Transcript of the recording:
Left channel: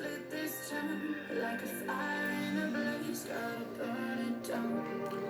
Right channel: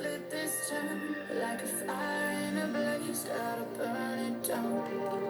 Lit this town like a fire in a blaze, gotta burn it down.